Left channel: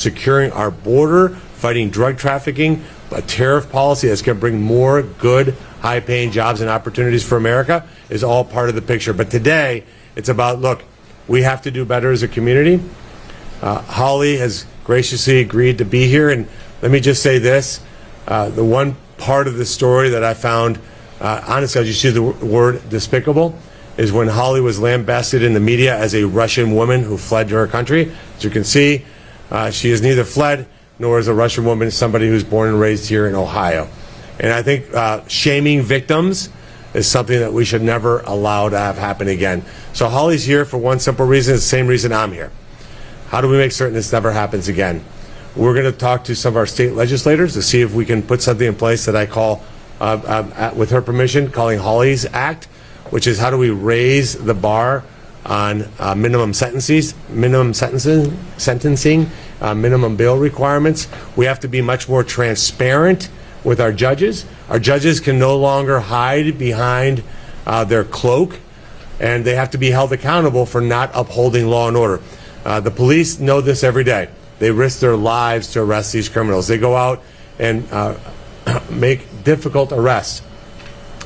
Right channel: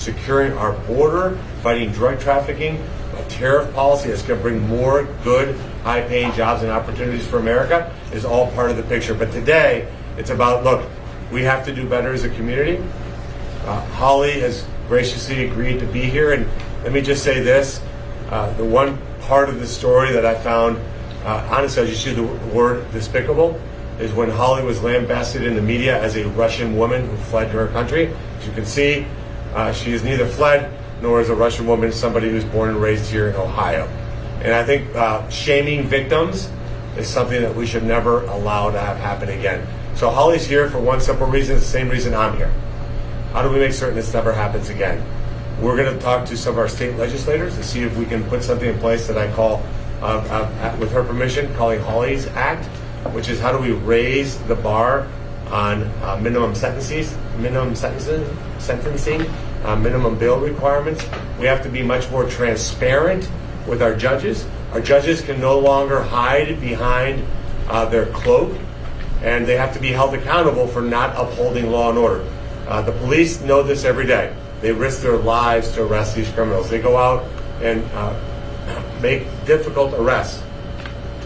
securing our border, fighting drug trafficking, a tariff policy that's going to bring more good, high-paying jobs and opportunities for America is all part of the picture. But today, it's about, look, we have to do better as a community. Holly has graciously agreed to be here, and let me just say this. The one part of the story that I found, honestly, I'll just use the word despicable, is when Holly was lambasted in the media as a Russian woman who fled to her country. As you can see, she has neither fled nor is a Russian woman somebody who's born and raised here in Ohio. And I think shaming victims is something that we should never allow to have happen again. So Holly's here for one simple reason, it's the same reason I'm here. How do we make certain this never happens again? We're going to talk to some of our state legislators to see if we can put something in place that I call, with her permission, calling Holly's Act, which is how do we raise the bar on minimum sentencing, minimum bail requirements. We have to be much more transparent with our judges. Our judges can no longer hide behind their cloak, and they have to be held accountable for not upholding law and order. The police know this every day. They risk their lives to arrest these criminals. They go out and make difficult arrests.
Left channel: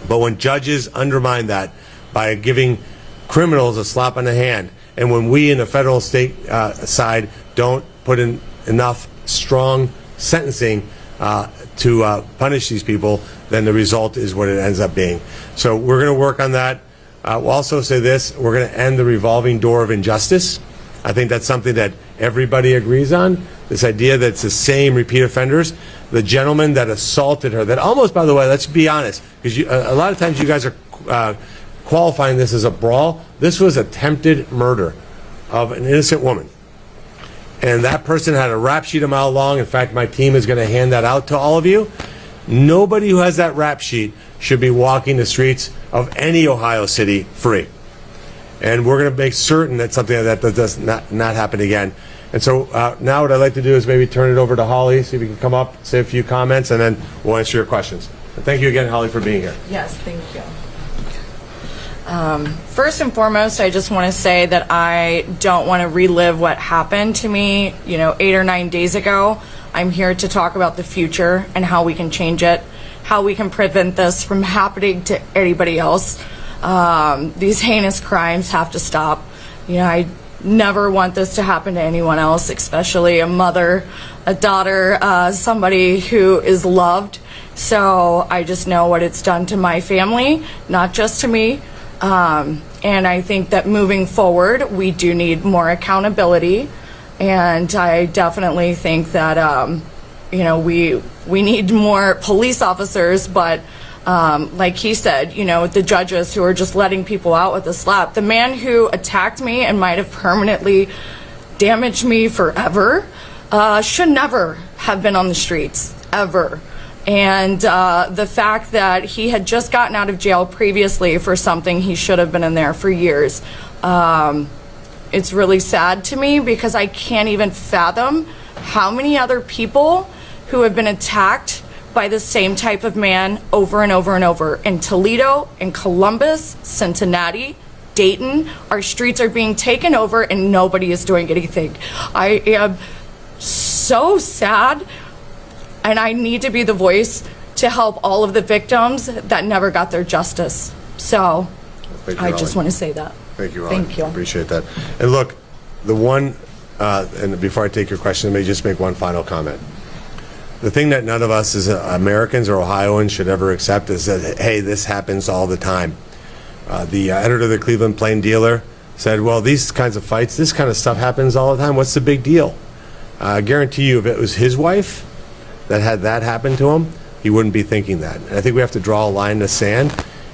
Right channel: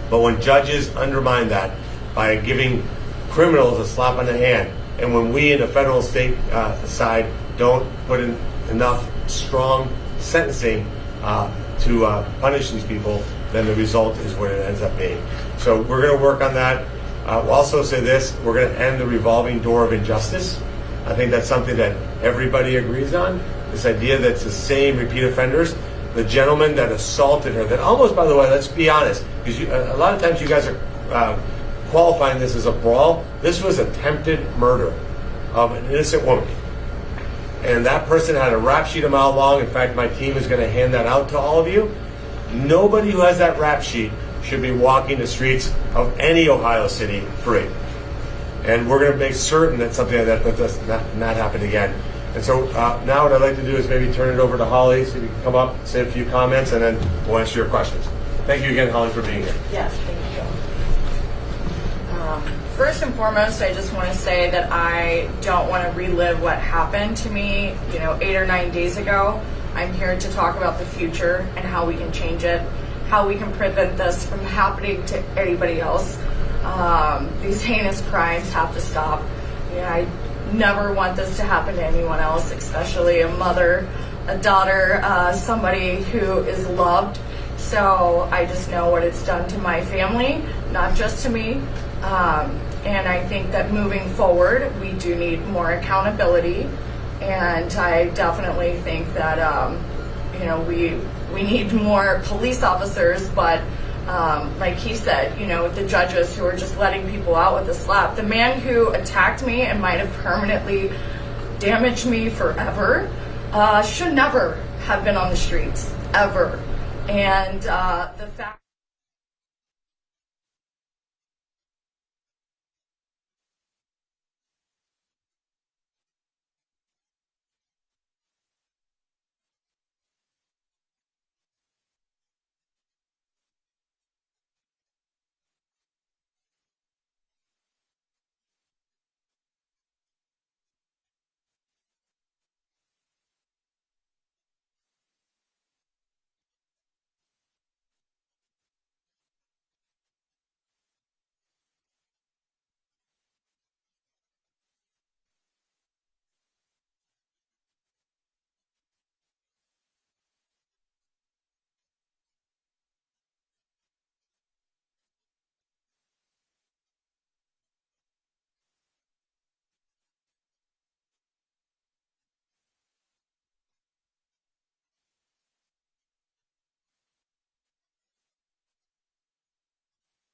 But when judges undermine that by giving criminals a slap on the hand, and when we in the federal state side don't put in enough strong sentencing to punish these people, then the result is what it ends up being. So we're going to work on that. We'll also say this, we're going to end the revolving door of injustice. I think that's something that everybody agrees on, this idea that it's the same repeat offenders. The gentleman that assaulted her, that almost, by the way, let's be honest, because a lot of times you guys are qualifying this as a brawl. This was attempted murder of an innocent woman. And that person had a rap sheet a mile long. In fact, my team is going to hand that out to all of you. Nobody who has that rap sheet should be walking the streets of any Ohio city free. And we're going to make certain that something like that does not happen again. And so now what I'd like to do is maybe turn it over to Holly, see if you can come up, say a few comments, and then we'll answer your questions. And thank you again, Holly, for being here. Yes, thank you. First and foremost, I just want to say that I don't want to relive what happened to me, 8 or 9 days ago. I'm here to talk about the future and how we can change it, how we can prevent this from happening to anybody else. These heinous crimes have to stop. I never want this to happen to anyone else, especially a mother, a daughter, somebody who is loved. So I just know what it's done to my family, not just to me. And I think that moving forward, we do need more accountability. And I definitely think that, we need more police officers, but like he said, the judges who are just letting people out with a slap. The man who attacked me and might have permanently damaged me forever should never have been on the streets, ever. And the fact that he had just gotten out of jail previously for something he should have been in there for years, it's really sad to me because I can't even fathom how many other people who have been attacked by the same type of man over and over and over. In Toledo, in Columbus, Cincinnati, Dayton, our streets are being taken over and nobody is doing anything. I am so sad, and I need to be the voice to help all of the victims that never got their justice. So I just want to say that. Thank you, Thank you. I appreciate that. And look, and before I take your question, let me just make one final comment. The thing that none of us as Americans or Ohioans should ever accept is that, hey, this happens all the time. The editor of the Cleveland Plain Dealer said, well, these kinds of fights, this kind of stuff happens all the time. What's the big deal? I guarantee you if it was his wife that had that happen to him, he wouldn't be thinking that. And I think we have to draw a line in the sand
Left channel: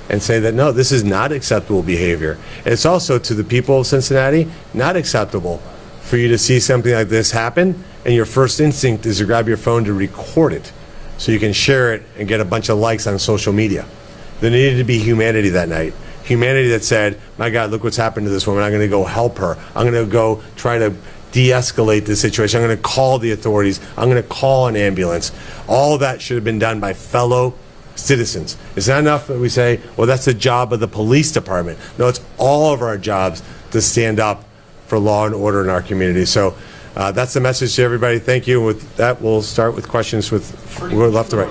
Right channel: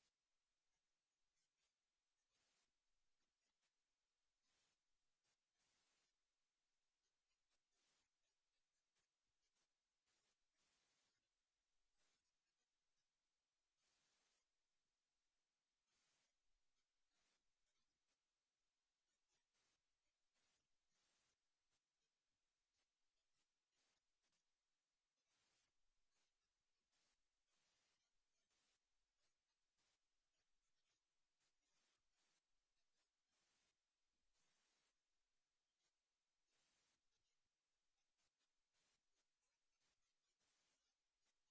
and say that, no, this is not acceptable behavior. And it's also, to the people of Cincinnati, not acceptable for you to see something like this happen, and your first instinct is to grab your phone to record it so you can share it and get a bunch of likes on social media. There needed to be humanity that night. Humanity that said, my God, look what's happened to this woman. I'm going to go help her. I'm going to go try to de-escalate the situation. I'm going to call the authorities. I'm going to call an ambulance. All of that should have been done by fellow citizens. It's not enough that we say, well, that's the job of the police department. No, it's all of our jobs to stand up for law and order in our community. So that's the message to everybody. Thank you. With that, we'll start with questions with left to right.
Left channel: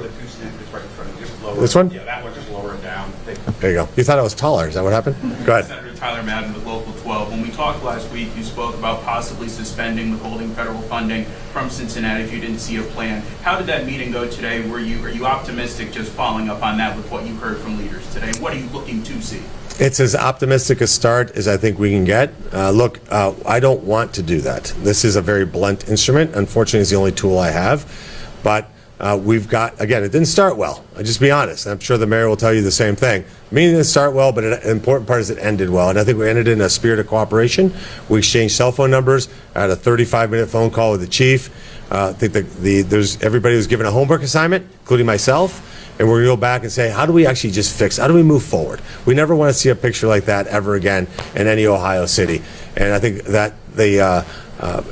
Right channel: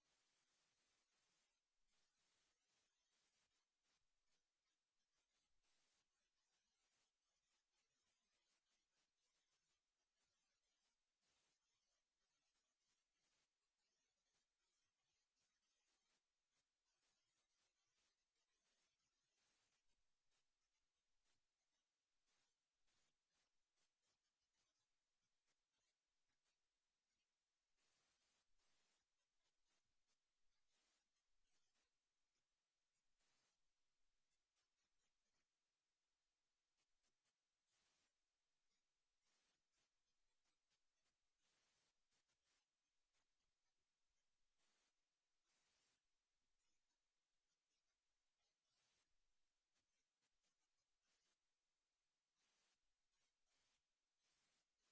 This one? Yeah, that one, just lower it down. There you go. You thought I was taller. Is that what happened? Go ahead. Senator Tyler Madden with Local 12. When we talked last week, you spoke about possibly suspending withholding federal funding from Cincinnati if you didn't see a plan. How did that meeting go today? Are you optimistic just following up on that with what you heard from leaders today? What are you looking to see? It's as optimistic a start as I think we can get. Look, I don't want to do that. This is a very blunt instrument. Unfortunately, it's the only tool I have. But we've got, again, it didn't start well. I'll just be honest. I'm sure the mayor will tell you the same thing. Meaning it didn't start well, but an important part is it ended well. And I think we ended in a spirit of cooperation. We exchanged cell phone numbers. I had a 35-minute phone call with the chief. I think everybody was given a homework assignment, including myself. And we're going to go back and say, how do we actually just fix? How do we move forward? We never want to see a picture like that ever again in any Ohio city. And I think that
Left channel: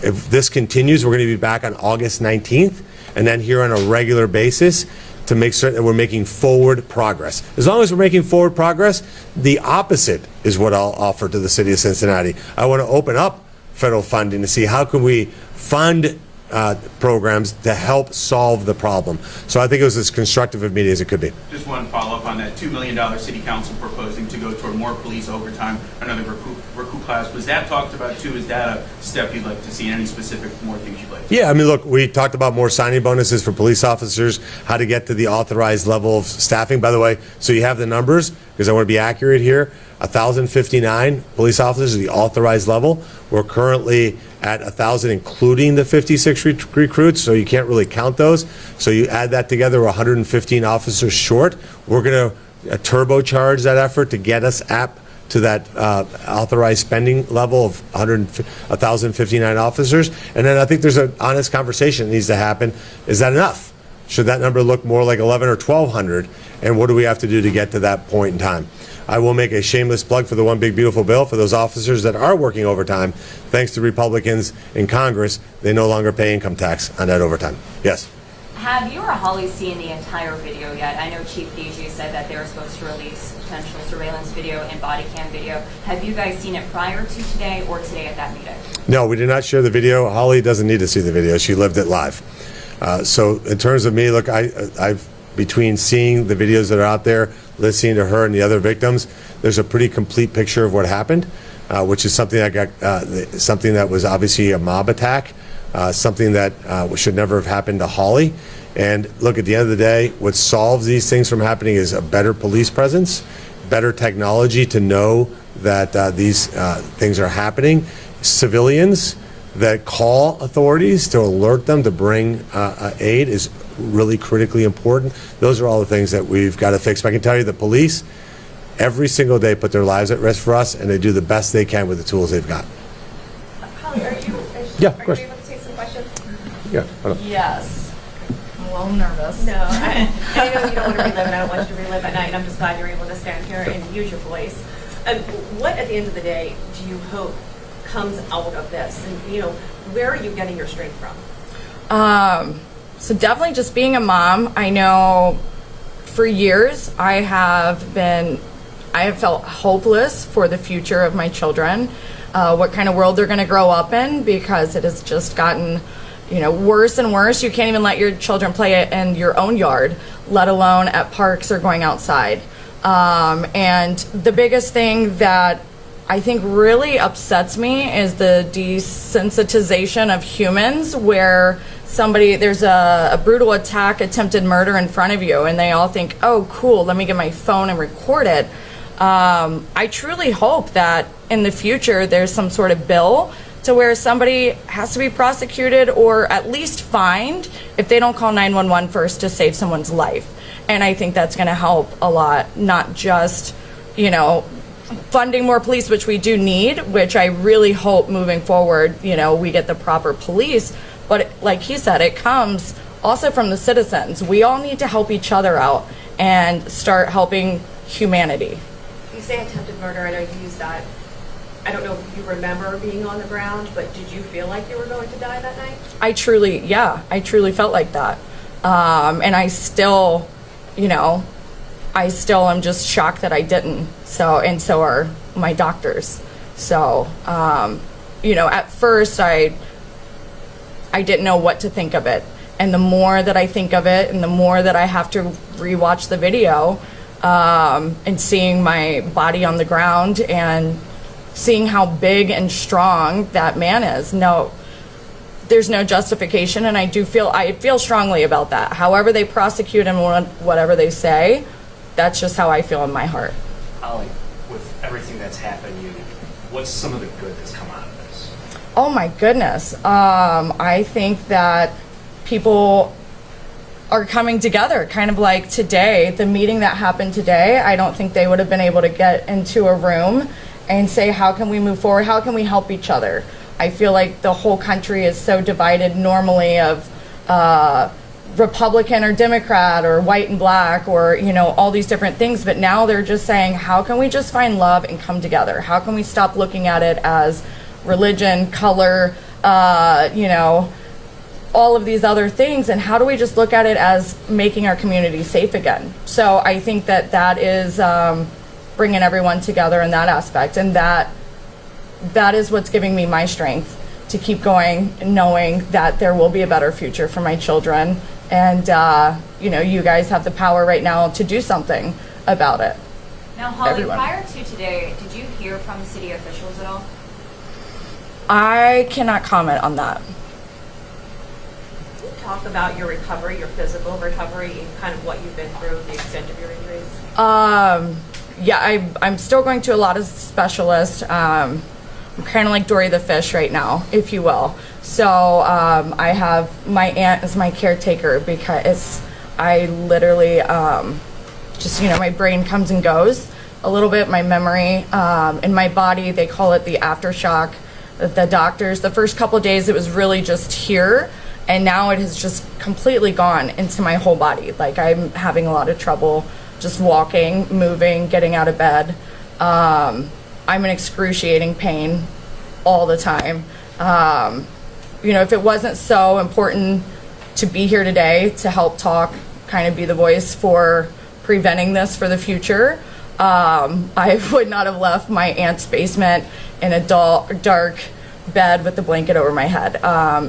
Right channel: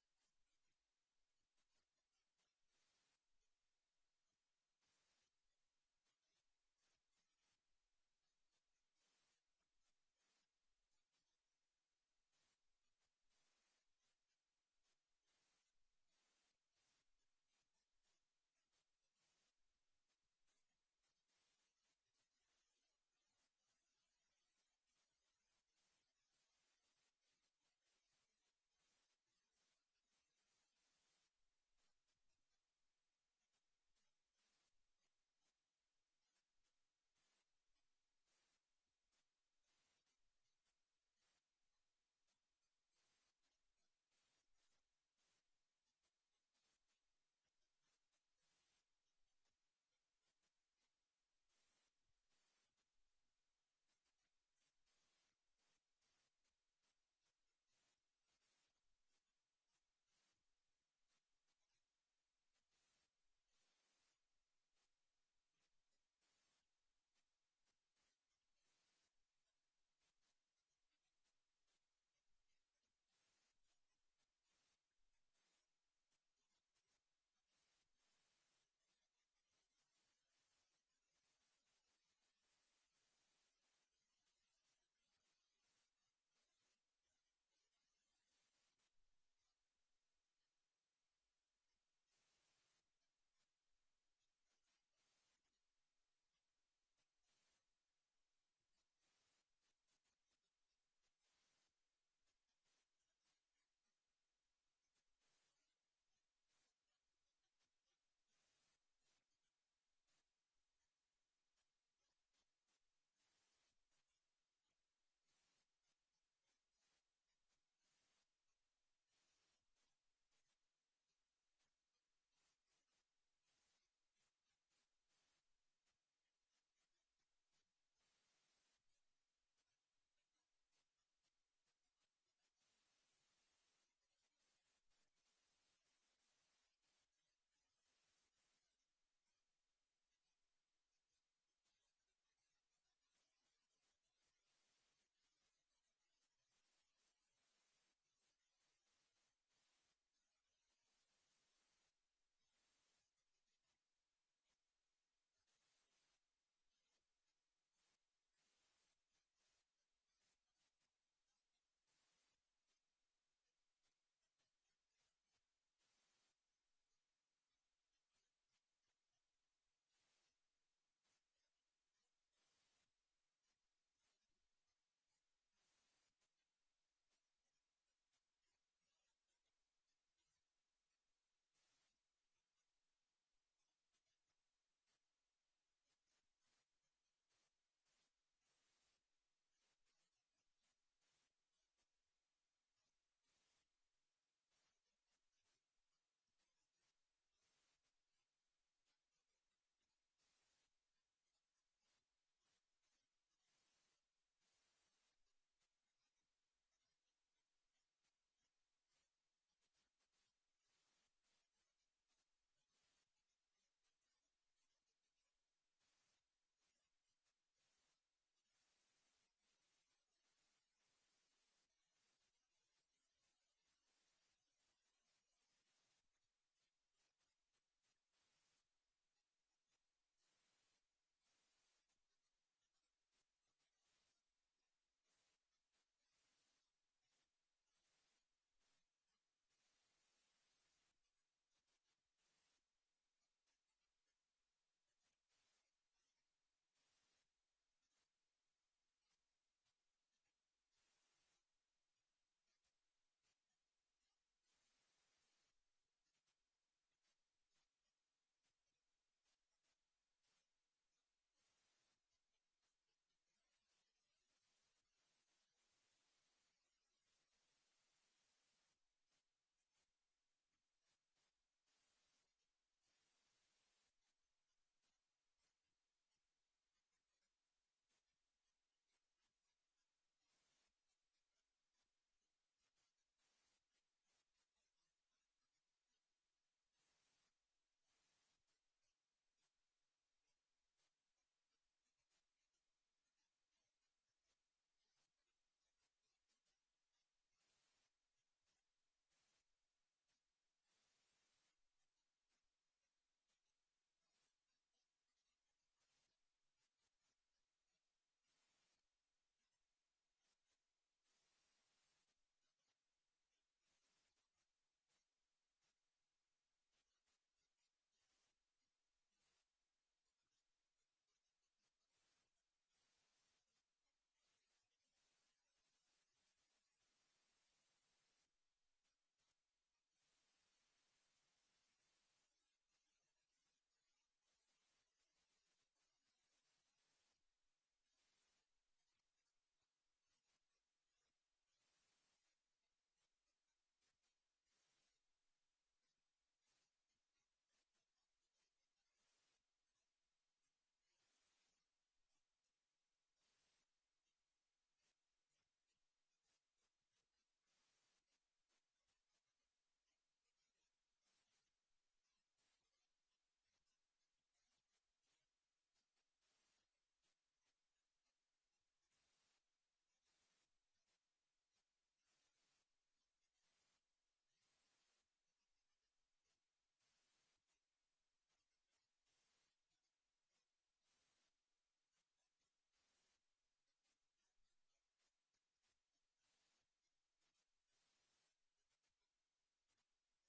if this continues, we're going to be back on August 19th, and then here on a regular basis to make certain that we're making forward progress. As long as we're making forward progress, the opposite is what I'll offer to the city of Cincinnati. I want to open up federal funding to see how can we fund programs to help solve the problem. So I think it was as constructive a meeting as it could be. Just one follow-up on that $2 million city council proposing to go toward more police overtime, another recruit class. Was that talked about too? Is that a step you'd like to see? Any specific more things you'd like to see? Yeah, I mean, look, we talked about more signing bonuses for police officers, how to get to the authorized level of staffing. By the way, so you have the numbers, because I want to be accurate here. 1,059 police officers is the authorized level. We're currently at 1,000, including the 56 recruits, so you can't really count those. So you add that together, we're 115 officers short. We're going to turbocharge that effort to get us up to that authorized spending level of 1,059 officers. And then I think there's an honest conversation that needs to happen. Is that enough? Should that number look more like 1,100 or 1,200? And what do we have to do to get to that point in time? I will make a shameless plug for the One Big Beautiful Bill for those officers that are working overtime. Thanks to Republicans in Congress, they no longer pay income tax on that overtime. Yes? Have you or Holly seen the entire video yet? I know Chief DG said that they were supposed to release potential surveillance video and body cam video. Have you guys seen it prior to today or today at that meeting? No, we did not share the video. Holly doesn't need to see the video. She lived it live. So in terms of me, look, I've between seeing the videos that are out there, listening to her and the other victims, there's a pretty complete picture of what happened, which is something something that was obviously a mob attack, something that should never have happened to Holly. And look, at the end of the day, what solves these things from happening is a better police presence, better technology to know that these things are happening, civilians that call authorities to alert them to bring aid is really critically important. Those are all the things that we've got to fix. But I can tell you the police every single day put their lives at risk for us, and they do the best they can with the tools they've got. Holly, are you of course. able to take some questions? Yeah. Yes. I'm a little nervous. No, I know you don't want to relive, and I don't want you to relive at night, and I'm just glad you're able to stand here and use your voice. What, at the end of the day, do you hope comes out of this? And, where are you getting your strength from? So definitely just being a mom. I know for years I have felt hopeless for the future of my children, what kind of world they're going to grow up in, because it has just gotten, worse and worse. You can't even let your children play in your own yard, let alone at parks or going outside. And the biggest thing that I think really upsets me is the desensitization of humans, where there's a brutal attack, attempted murder in front of you, and they all think, oh, cool, let me get my phone and record it. I truly hope that in the future there's some sort of bill to where somebody has to be prosecuted or at least fined if they don't call 911 first to save someone's life. And I think that's going to help a lot, not just, funding more police, which we do need, which I really hope moving forward, we get the proper police. But like he said, it comes also from the citizens. We all need to help each other out and start helping humanity. You say attempted murder. I know you use that. I don't know if you remember being on the ground, but did you feel like you were going to die that night? I truly felt like that. And I still am just shocked that I didn't. So are my doctors. So, at first I didn't know what to think of it. And the more that I think of it and the more that I have to rewatch the video, and seeing my body on the ground and seeing how big and strong that man is. No, there's no justification, and I feel strongly about that. However they prosecute him, whatever they say, that's just how I feel in my heart. Holly, with everything that's happened, what's some of the good that's come out of this? Oh my goodness. I think that people are coming together, kind of like today, the meeting that happened today. I don't think they would have been able to get into a room and say, how can we move forward? How can we help each other? I feel like the whole country is so divided normally of Republican or Democrat or white and black or, you know, all these different things. But now they're just saying, how can we just find love and come together? How can we stop looking at it as religion, color, you know, all of these other things, and how do we just look at it as making our community safe again? So I think that that is bringing everyone together in that aspect, and that is what's giving me my strength to keep going, knowing that there will be a better future for my children, and you know, you guys have the power right now to do something about it. Now, Holly, Everyone. prior to today, did you hear from city officials at all? I cannot comment on that. Can you talk about your recovery, your physical recovery, and kind of what you've been through, the extent of your injuries? Yeah, I'm still going to a lot of specialists. I'm kind of like Dory the fish right now, if you will. So I have my aunt as my caretaker because I literally just, you know, my brain comes and goes a little bit, my memory, in my body, they call it the aftershock. The doctors, the first couple of days, it was really just here, and now it has just completely gone into my whole body. Like, I'm having a lot of trouble just walking, moving, getting out of bed. I'm in excruciating pain all the time. You know, if it wasn't so important to be here today to help talk, kind of be the voice for preventing this for the future, I would not have left my aunt's basement in a dark bed with the blanket over my head.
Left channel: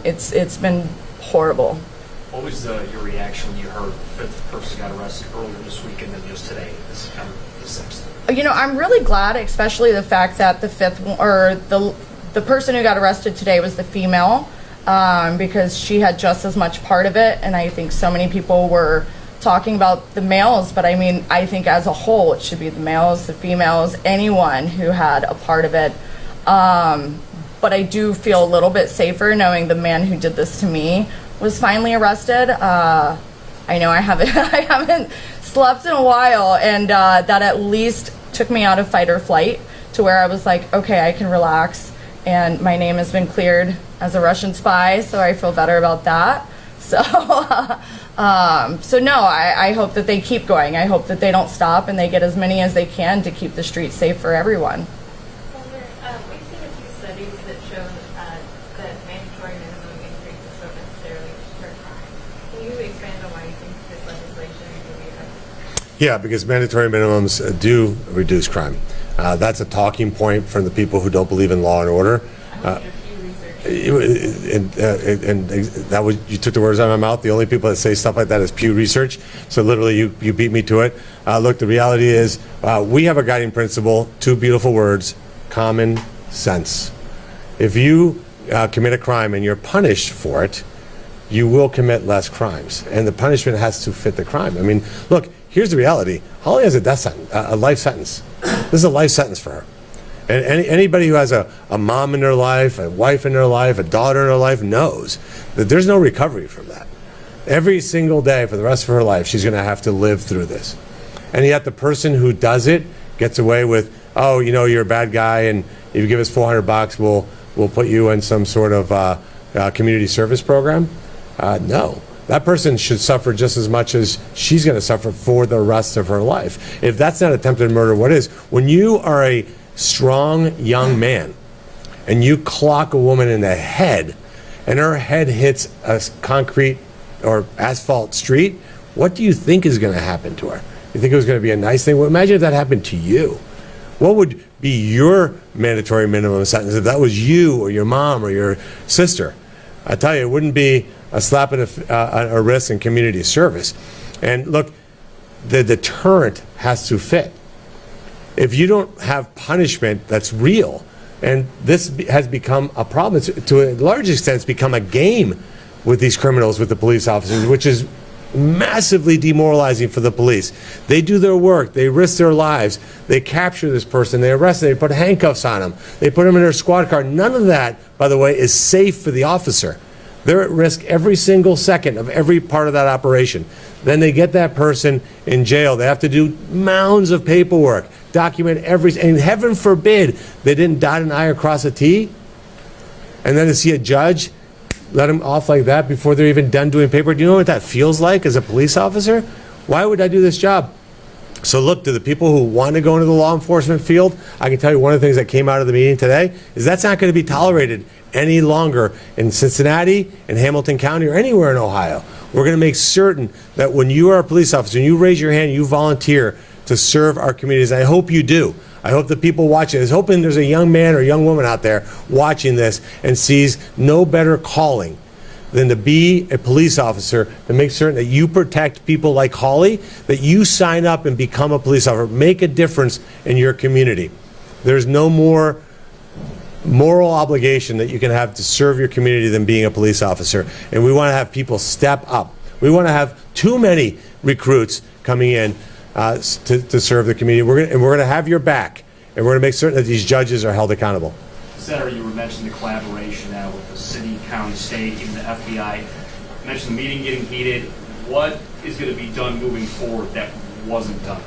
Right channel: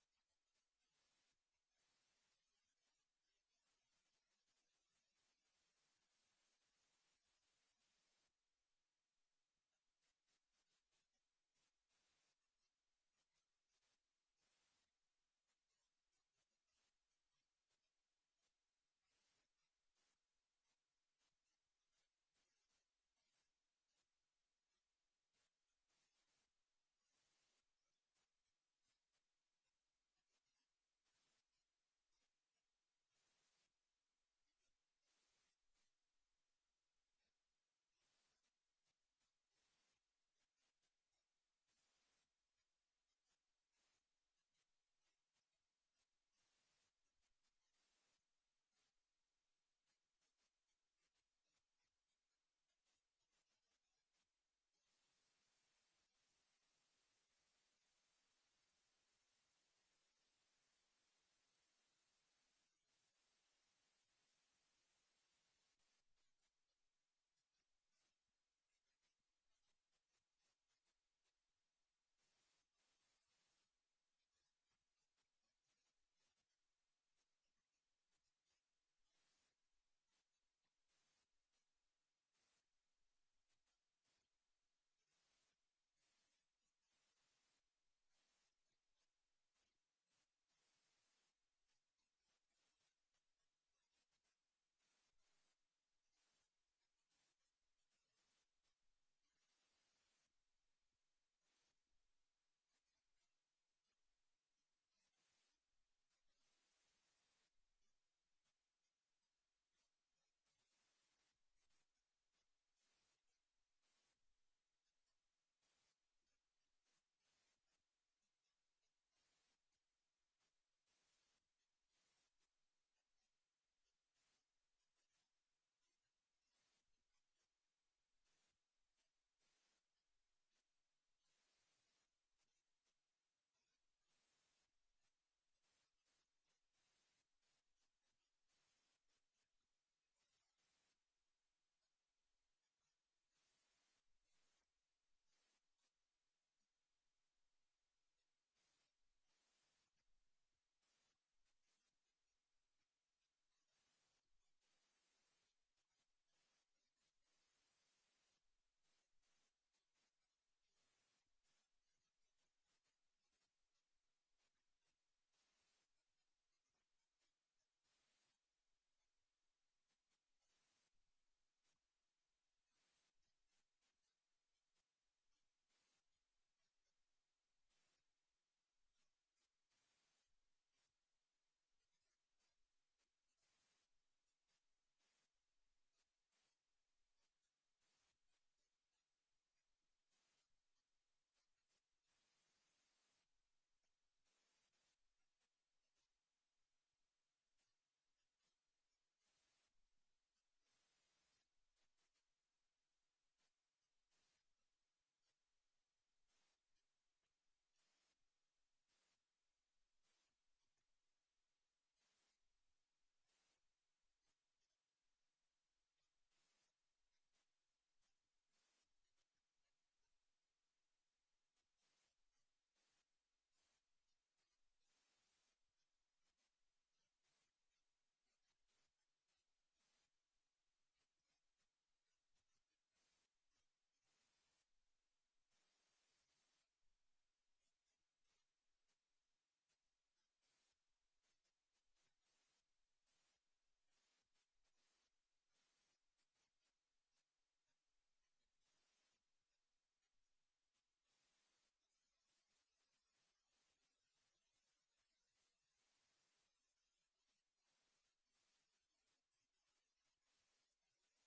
It's been horrible. What was your reaction when you heard the fifth person got arrested earlier this week and then just today, this kind of the sixth? You know, I'm really glad, especially the fact that the fifth, or the person who got arrested today was the female, because she had just as much part of it, and I think so many people were talking about the males, but I mean, I think as a whole, it should be the males, the females, anyone who had a part of it. But I do feel a little bit safer knowing the man who did this to me was finally arrested. I know I haven't slept in a while, and that at least took me out of fight or flight to where I was like, okay, I can relax, and my name has been cleared as a Russian spy, so I feel better about that. So, so no, I hope that they keep going. I hope that they don't stop and they get as many as they can to keep the streets safe for everyone. We've seen a few studies that show that mandatory minimum increases don't necessarily deter crime. Can you expand on why you think this legislation will be effective? Yeah, because mandatory minimums do reduce crime. That's a talking point from the people who don't believe in law and order. And that was, you took the words out of my mouth. The only people that say stuff like that is Pew Research. So literally, you beat me to it. Look, the reality is, we have a guiding principle. Two beautiful words: common sense. If you commit a crime and you're punished for it, you will commit less crimes, and the punishment has to fit the crime. I mean, look, here's the reality. Holly has a death sentence, a life sentence. This is a life sentence for her. And anybody who has a mom in their life, a wife in their life, a daughter in their life knows that there's no recovery from that. Every single day for the rest of her life, she's going to have to live through this. And yet the person who does it gets away with, oh, you know, you're a bad guy, and if you give us $400, we'll put you in some sort of community service program. No. That person should suffer just as much as she's going to suffer for the rest of her life. If that's not attempted murder, what is? When you are a strong young man and you clock a woman in the head and her head hits a concrete or asphalt street, what do you think is going to happen to her? You think it was going to be a nice thing? Well, imagine if that happened to you. What would be your mandatory minimum sentence if that was you or your mom or your sister? I tell you, it wouldn't be a slap in a wrist in community service. And look, the deterrent has to fit. If you don't have punishment that's real, and this has become a problem, to a large extent, it's become a game with these criminals, with the police officers, which is massively demoralizing for the police. They do their work, they risk their lives, they capture this person, they arrest them, they put handcuffs on them, they put them in their squad car. None of that, by the way, is safe for the officer. They're at risk every single second of every part of that operation. Then they get that person in jail. They have to do mounds of paperwork, document everything, and heaven forbid they didn't dot an I or cross a T. And then to see a judge let them off like that before they're even done doing paperwork. Do you know what that feels like as a police officer? Why would I do this job? So look, to the people who want to go into the law enforcement field, I can tell you one of the things that came out of the meeting today is that's not going to be tolerated any longer in Cincinnati, in Hamilton County, or anywhere in Ohio. We're going to make certain that when you are a police officer and you raise your hand, you volunteer to serve our communities. I hope you do. I hope the people watching this, hoping there's a young man or young woman out there watching this and sees no better calling than to be a police officer, to make certain that you protect people like Holly, that you sign up and become a police officer, make a difference in your community. There's no more moral obligation that you can have to serve your community than being a police officer. And we want to have people step up. We want to have too many recruits coming in to serve the community. We're going to have your back, and we're going to make certain that these judges are held accountable. Senator, you were mentioning the collaboration now with the city, county, state, even the FBI. You mentioned the meeting getting heated. What is going to be done moving forward that wasn't done?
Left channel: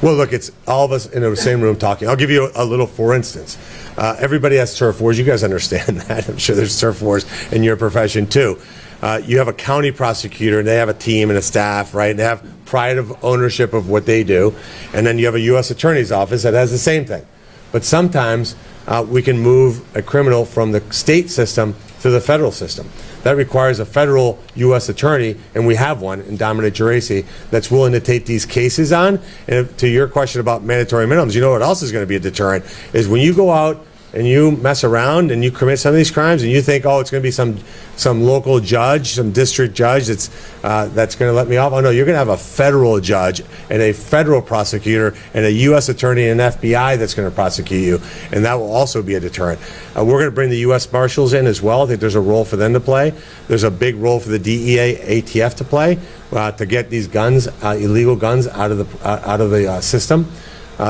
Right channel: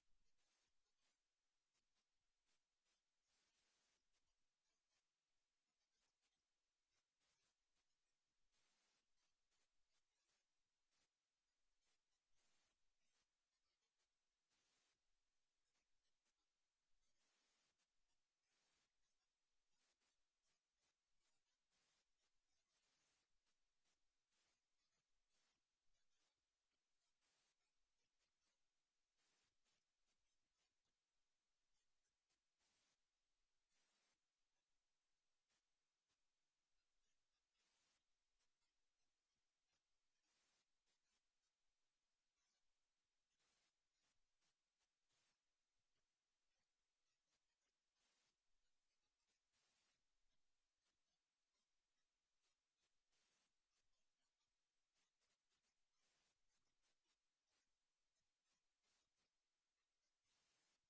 Well, look, it's all of us in the same room talking. I'll give you a little for instance. Everybody has turf wars. You guys understand that. I'm sure there's turf wars in your profession too. You have a county prosecutor, and they have a team and a staff, right? They have pride of ownership of what they do. And then you have a U.S. Attorney's Office that has the same thing. But sometimes we can move a criminal from the state system to the federal system. That requires a federal U.S. attorney, and we have one in Dominic Geraci that's willing to take these cases on. And to your question about mandatory minimums, you know what else is going to be a deterrent is when you go out and you mess around and you commit some of these crimes and you think, oh, it's going to be some local judge, some district judge that's going to let me off. Oh, no, you're going to have a federal judge and a federal prosecutor and a U.S. attorney and an FBI that's going to prosecute you, and that will also be a deterrent. We're going to bring the U.S. Marshals in as well. I think there's a role for them to play. There's a big role for the DEA, ATF to play to get these guns, illegal guns, out of the system.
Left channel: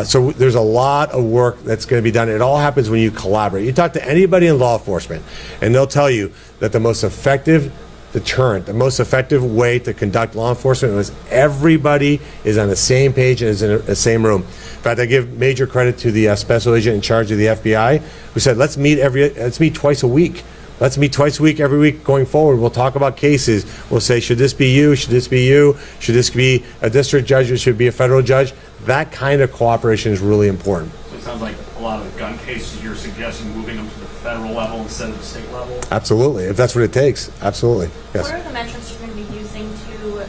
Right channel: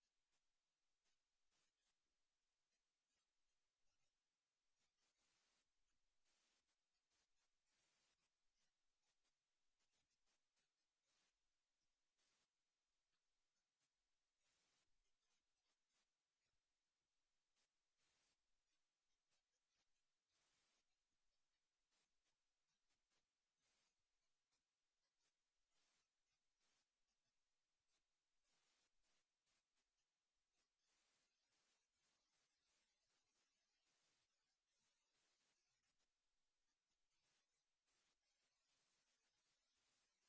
So there's a lot of work that's going to be done. It all happens when you collaborate. You talk to anybody in law enforcement, and they'll tell you that the most effective deterrent, the most effective way to conduct law enforcement is everybody is on the same page and is in the same room. In fact, I give major credit to the special agent in charge of the FBI who said, let's meet twice a week. Let's meet twice a week, every week going forward. We'll talk about cases. We'll say, should this be you? Should this be you? Should this be a district judge or should it be a federal judge? That kind of cooperation is really important. So it sounds like a lot of the gun cases you're suggesting moving them to the federal level instead of the state level? Absolutely, if that's what it takes. Absolutely, yes. What are the metrics you're going to be using to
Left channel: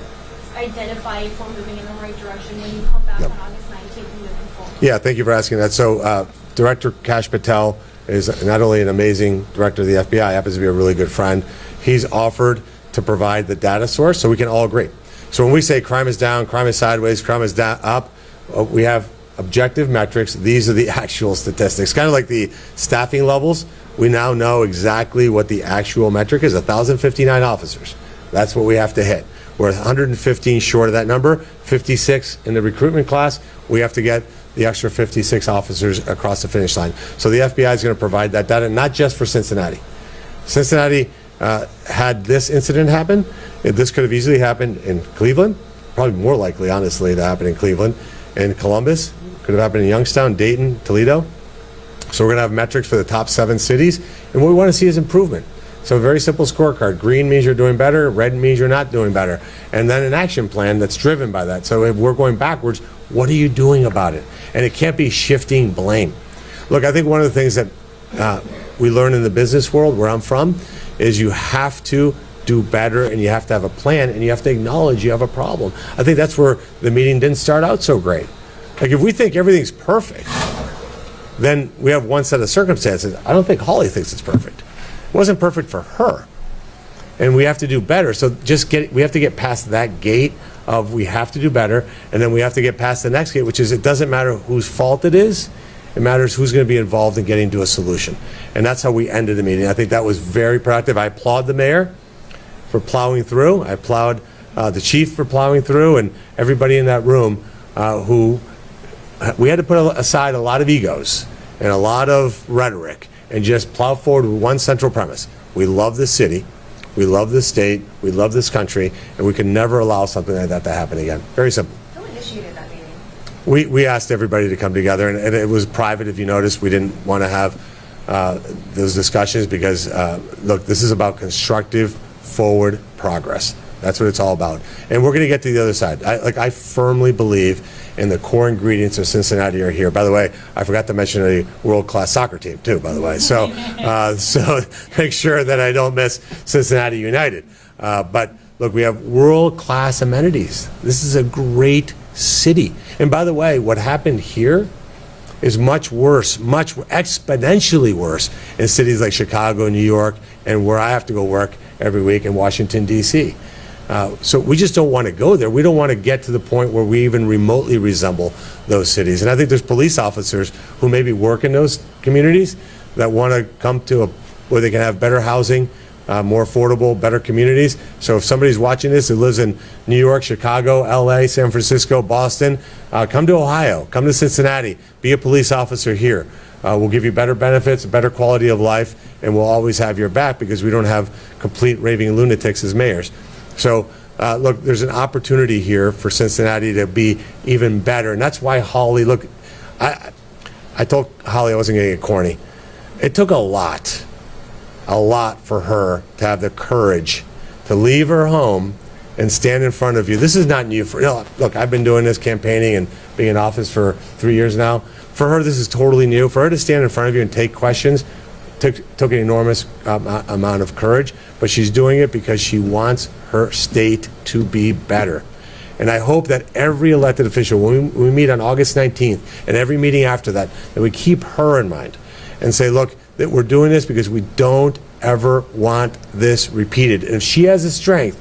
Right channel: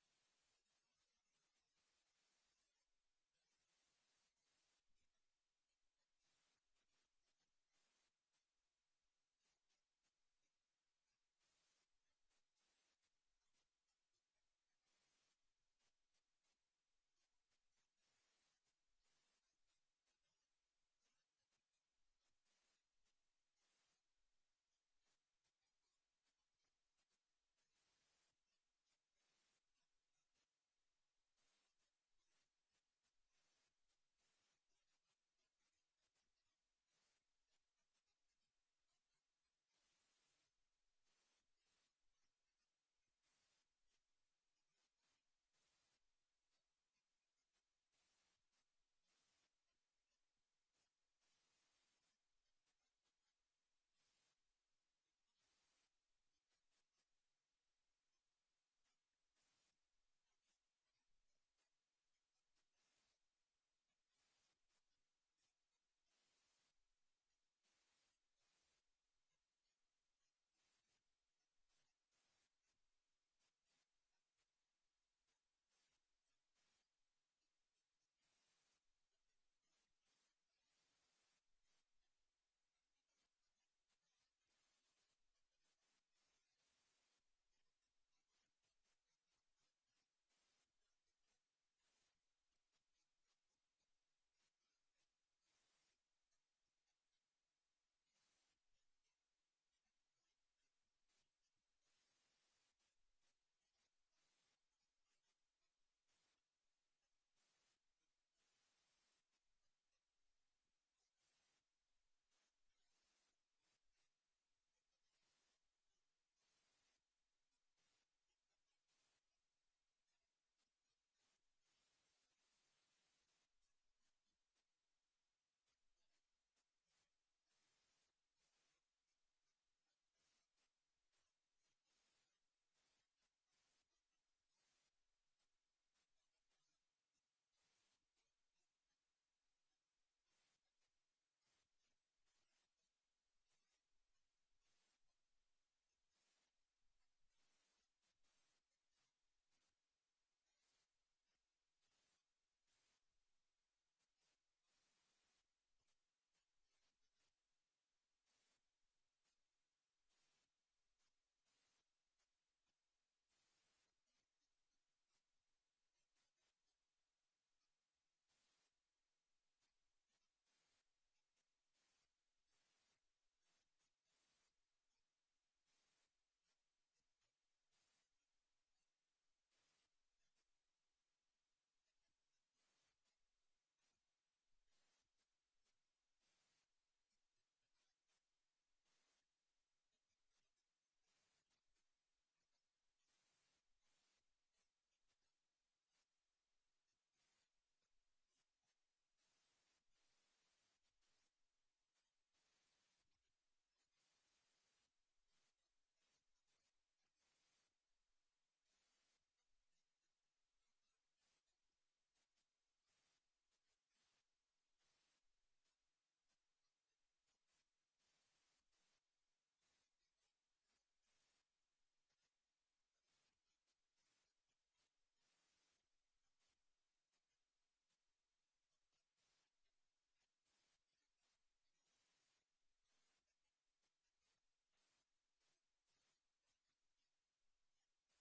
identify if we're moving in the right direction when you come back on August 19th and moving forward? Yeah, thank you for asking that. So Director Kash Patel is not only an amazing director of the FBI, happens to be a really good friend. He's offered to provide the data source so we can all agree. So when we say crime is down, crime is sideways, crime is up, we have objective metrics. These are the actual statistics. Kind of like the staffing levels. We now know exactly what the actual metric is, 1,059 officers. That's what we have to hit. We're 115 short of that number, 56 in the recruitment class. We have to get the extra 56 officers across the finish line. So the FBI is going to provide that data, not just for Cincinnati. Cincinnati had this incident happen. This could have easily happened in Cleveland, probably more likely, honestly, to happen in Cleveland. In Columbus, could have happened in Youngstown, Dayton, Toledo. So we're going to have metrics for the top 7 cities, and what we want to see is improvement. So a very simple scorecard. Green means you're doing better, red means you're not doing better. And then an action plan that's driven by that. So if we're going backwards, what are you doing about it? And it can't be shifting blame. Look, I think one of the things that we learn in the business world where I'm from is you have to do better and you have to have a plan and you have to acknowledge you have a problem. I think that's where the meeting didn't start out so great. Like if we think everything's perfect, then we have one set of circumstances. I don't think Holly thinks it's perfect. It wasn't perfect for her. and we have to do better. So we have to get past that gate of we have to do better, and then we have to get past the next gate, which is it doesn't matter whose fault it is. It matters who's going to be involved in getting to a solution. And that's how we ended the meeting. I think that was very productive. I applaud the mayor for plowing through. I applaud the chief for plowing through, and everybody in that room who we had to put aside a lot of egos and a lot of rhetoric and just plow forward with one central premise. We love this city. We love this state. We love this country. And we can never allow something like that to happen again. Very simple. Who initiated that meeting? We asked everybody to come together, and it was private. If you noticed, we didn't want to have those discussions because, look, this is about constructive forward progress. That's what it's all about. And we're going to get to the other side. I firmly believe in the core ingredients of Cincinnati are here. By the way, I forgot to mention a world-class soccer team, too, by the way. So, so make sure that I don't miss Cincinnati United. But, look, we have world-class amenities. This is a great city. And by the way, what happened here is much worse, much exponentially worse in cities like Chicago, New York, and where I have to go work every week in Washington, D.C. So we just don't want to go there. We don't want to get to the point where we even remotely resemble those cities. And I think there's police officers who maybe work in those communities that want to come to where they can have better housing, more affordable, better communities. So if somebody's watching this who lives in New York, Chicago, LA, San Francisco, Boston, come to Ohio, come to Cincinnati, be a police officer here. We'll give you better benefits, better quality of life, and we'll always have your back because we don't have complete raving lunatics as mayors. So, look, there's an opportunity here for Cincinnati to be even better. And that's why Holly, look, I told Holly I wasn't going to get corny. It took a lot for her to have the courage to leave her home and stand in front of you. This is not new. Look, I've been doing this campaigning and being in office for 3 years now. For her, this is totally new. For her to stand in front of you and take questions took an enormous amount of courage, but she's doing it because she wants her state to be better. And I hope that every elected official, when we meet on August 19th and every meeting after that, that we keep her in mind and say, look, that we're doing this because we don't ever want this repeated. And if she has the strength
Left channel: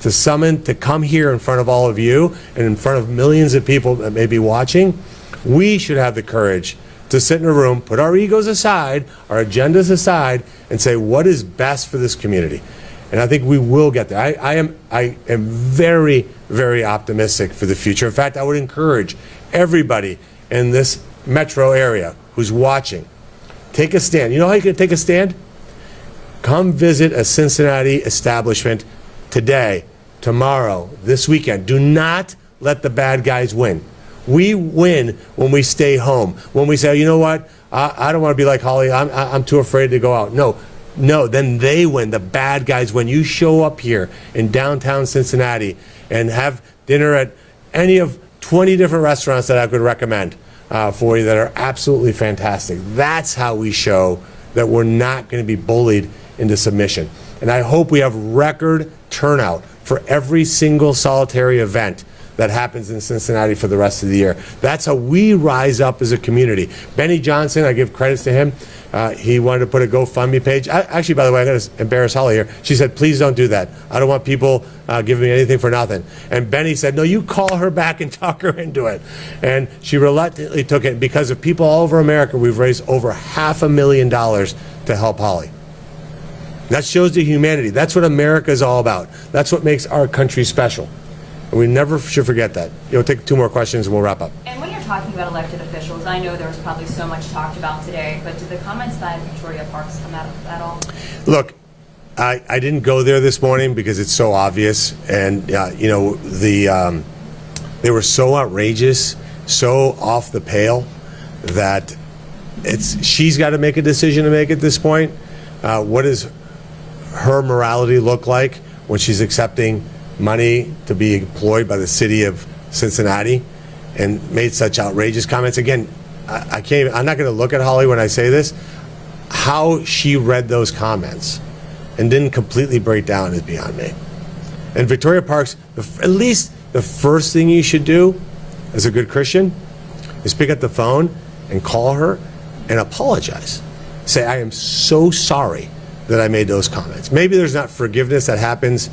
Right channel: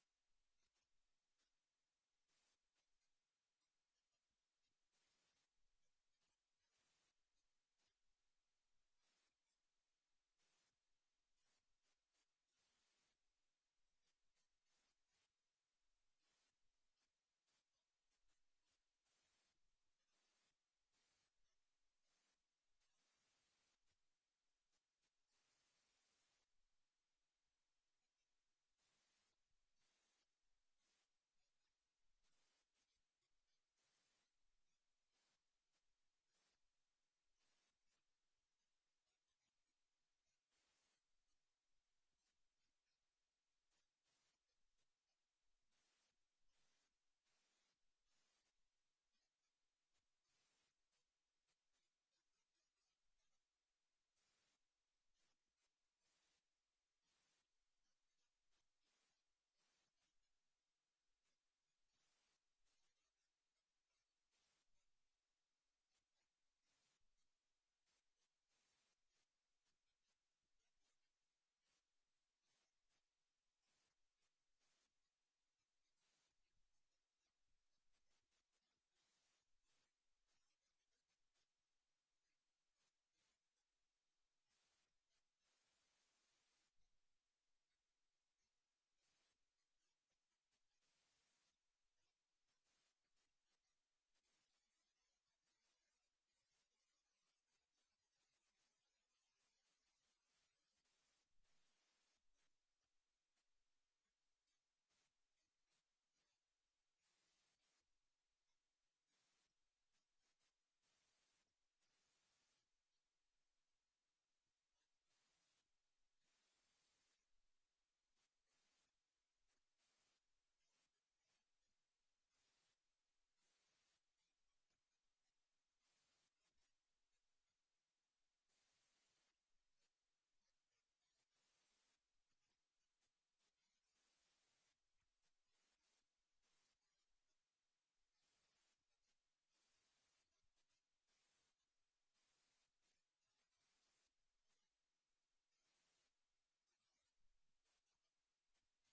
to come here in front of all of you and in front of millions of people that may be watching, we should have the courage to sit in a room, put our egos aside, our agendas aside, and say what is best for this community. And I think we will get there. I am very, very optimistic for the future. In fact, I would encourage everybody in this metro area who's watching, take a stand. You know how you can take a stand? Come visit a Cincinnati establishment today, tomorrow, this weekend. Do not let the bad guys win. We win when we stay home. When we say, you know what, I don't want to be like Holly. I'm too afraid to go out. No, then they win. The bad guys win. You show up here in downtown Cincinnati and have dinner at any of 20 different restaurants that I could recommend for you that are absolutely fantastic. That's how we show that we're not going to be bullied into submission. And I hope we have record turnout for every single solitary event that happens in Cincinnati for the rest of the year. That's how we rise up as a community. Benny Johnson, I give credits to him. He wanted to put a GoFundMe page. Actually, by the way, I got to embarrass Holly here. She said, please don't do that. I don't want people giving me anything for nothing. And Benny said, no, you call her back and talk her into it. And she reluctantly took it. Because of people all over America, we've raised over $500,000 to help Holly. That shows the humanity. That's what America is all about. That's what makes our country special. And we never should forget that. You'll take 2 more questions and we'll wrap up. And when you're talking about elected officials, I know there was probably so much talked about today, but did the comments by Victoria Parks come out at all? Look, I didn't go there this morning because it's so obvious. And, you know, they were so outrageous, so off the pale that she's got to make a decision to make at this point. What does her morality look like when she's accepting money to be employed by the city of Cincinnati and made such outrageous comments? Again, I'm not going to look at Holly when I say this. How she read those comments and didn't completely break down is beyond me. And Victoria Parks, at least the first thing you should do as a good Christian is pick up the phone and call her and apologize. Say, I am so sorry that I made those comments. Maybe there's not forgiveness that happens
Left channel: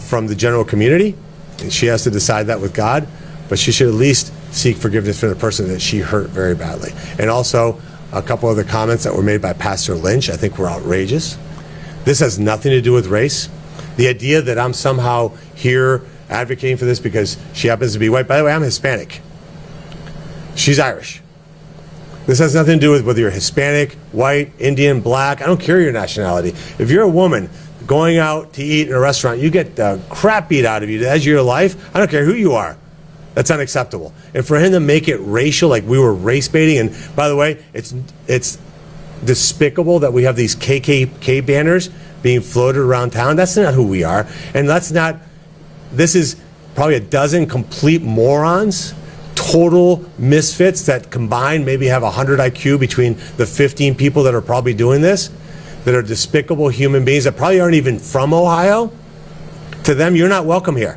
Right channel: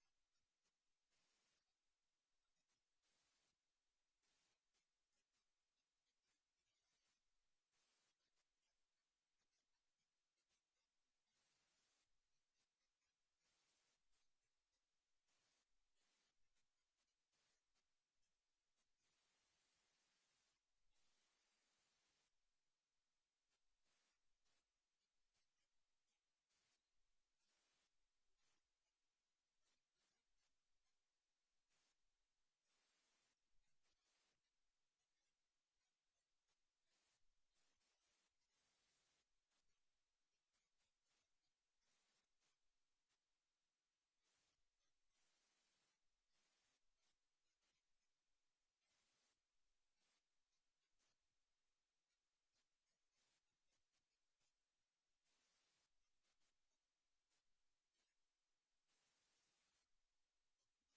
from the general community, and she has to decide that with God, but she should at least seek forgiveness from the person that she hurt very badly. And also, a couple other comments that were made by Pastor Lynch I think were outrageous. This has nothing to do with race. The idea that I'm somehow here advocating for this because she happens to be white. By the way, I'm Hispanic. She's Irish. This has nothing to do with whether you're Hispanic, white, Indian, black. I don't care your nationality. If you're a woman going out to eat in a restaurant, you get the crap beat out of you as your life. I don't care who you are. That's unacceptable. And for him to make it racial, like we were race baiting, and by the way, it's despicable that we have these KKK banners being floated around town. That's not who we are. And this is probably a dozen complete morons, total misfits that combined maybe have 100 IQ between the 15 people that are probably doing this, that are despicable human beings that probably aren't even from Ohio. To them, you're not welcome here.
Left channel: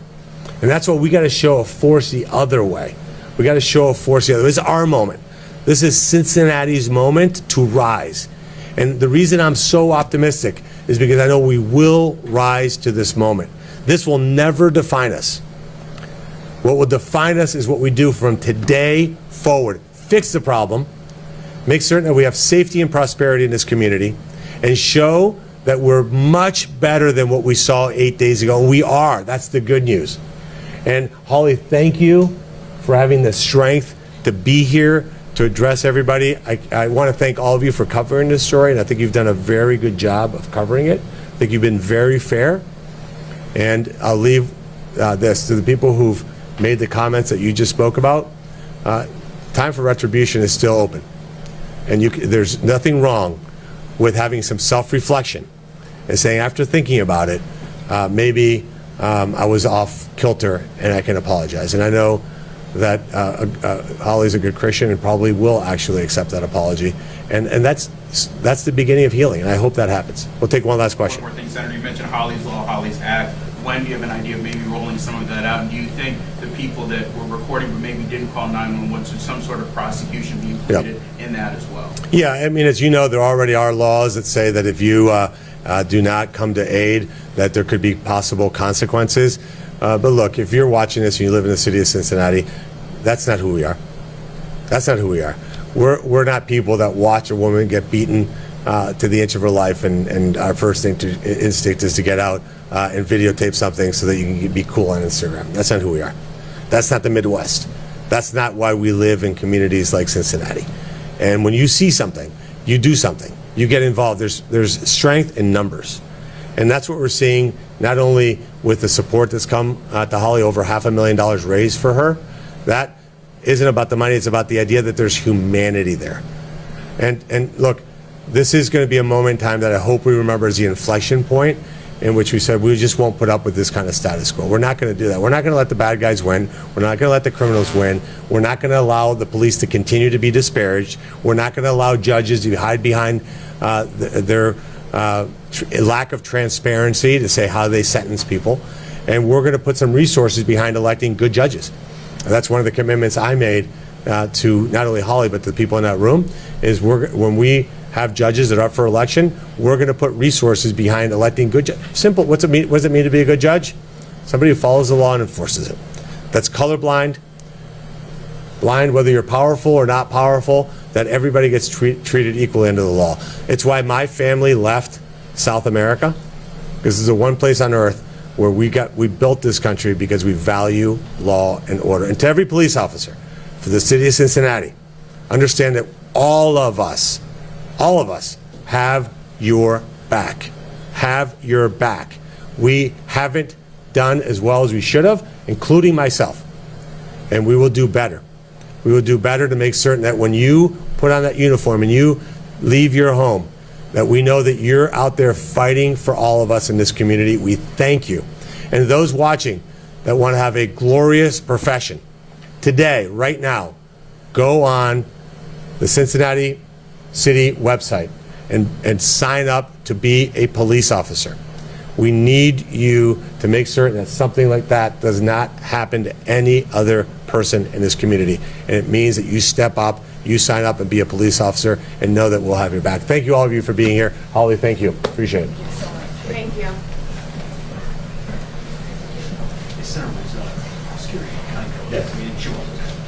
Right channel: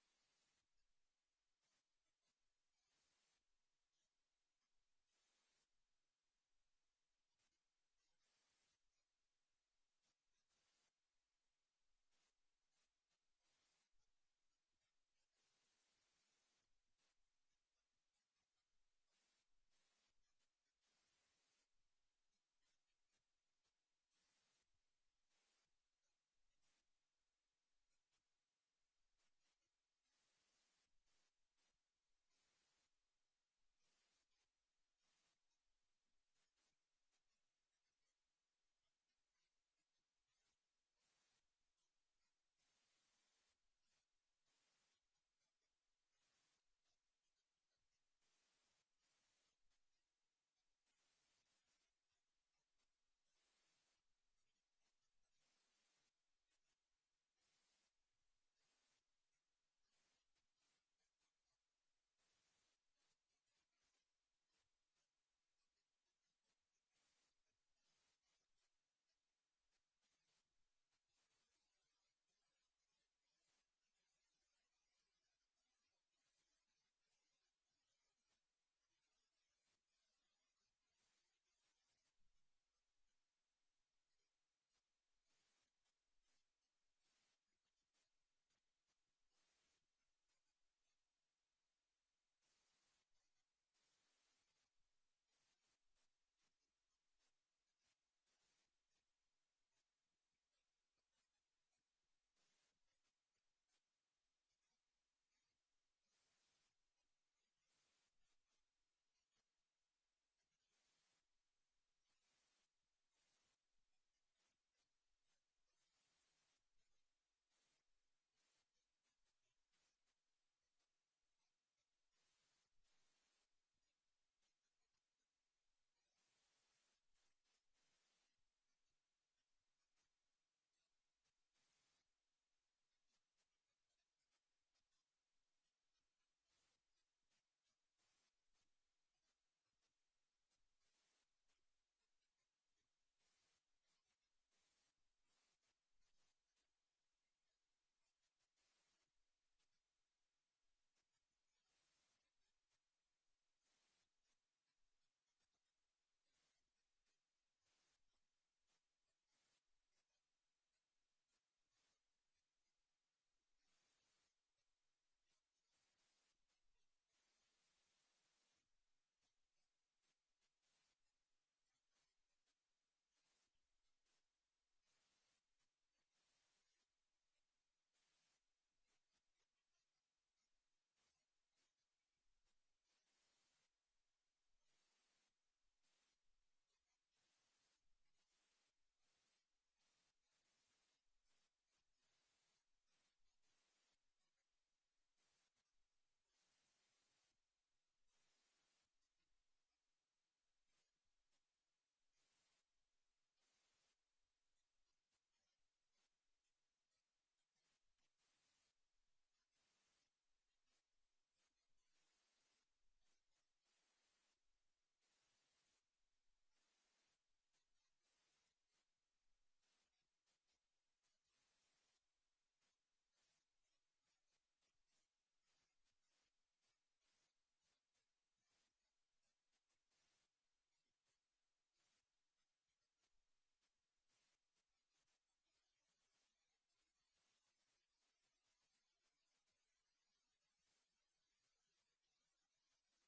And that's what we got to show a force the other way. We got to show a force the other way. This is our moment. This is Cincinnati's moment to rise. And the reason I'm so optimistic is because I know we will rise to this moment. This will never define us. What will define us is what we do from today forward. Fix the problem, make certain that we have safety and prosperity in this community, and show that we're much better than what we saw 8 days ago. And we are. That's the good news. And Holly, thank you for having the strength to be here to address everybody. I want to thank all of you for covering this story, and I think you've done a very good job of covering it. I think you've been very fair. And I'll leave this to the people who've made the comments that you just spoke about. Time for retribution is still open. And there's nothing wrong with having some self-reflection and saying, after thinking about it, maybe I was off kilter and I can apologize. And I know that Holly's a good Christian and probably will actually accept that apology. And that's the beginning of healing, and I hope that happens. We'll take one last question. One more thing, Senator, you mentioned Holly's Law, Holly's Act. When do you have an idea of maybe rolling some of that out? And do you think the people that were recording but maybe didn't call 911, should some sort of prosecution be included in that as well? Yeah, I mean, as you know, there already are laws that say that if you do not come to aid, that there could be possible consequences. But look, if you're watching this and you live in the city of Cincinnati, that's not who we are. That's not who we are. We're not people that watch a woman get beaten to the inch of her life, and our first instinct is to get out and videotape something so that you can be cool on Instagram. That's not who we are. That's not the Midwest. That's not why we live in communities like Cincinnati. And when you see something, you do something. You get involved. There's strength in numbers. And that's what we're seeing, not only with the support that's come to Holly, over $500,000 raised for her. That isn't about the money. It's about the idea that there's humanity there. And look, this is going to be a moment in time that I hope we remember as the inflection point in which we said we just won't put up with this kind of status quo. We're not going to do that. We're not going to let the bad guys win. We're not going to let the criminals win. We're not going to allow the police to continue to be disparaged. We're not going to allow judges to hide behind their lack of transparency to say how they sentence people. And we're going to put some resources behind electing good judges. And that's one of the commitments I made to not only Holly but to the people in that room, is when we have judges that are up for election, we're going to put resources behind electing good judges. Simple. What does it mean to be a good judge? Somebody who follows the law and enforces it. That's colorblind, blind whether you're powerful or not powerful, that everybody gets treated equally under the law. It's why my family left South America, because this is the one place on earth where we built this country because we value law and order. And to every police officer for the city of Cincinnati, understand that all of us have your back. Have your back. We haven't done as well as we should have, including myself. And we will do better. We will do better to make certain that when you put on that uniform and you leave your home, that we know that you're out there fighting for all of us in this community. We thank you. And those watching that want to have a glorious profession, today, right now, go on the Cincinnati City website and sign up to be a police officer. We need you to make certain that something like that does not happen to any other person in this community. And it means that you step up you sign up and be a police officer and know that we'll have your back. Thank you, all of you, for being here. Holly, thank you. Appreciate it. Thank you. Senator was scary, kind of. I mean, she wasn't.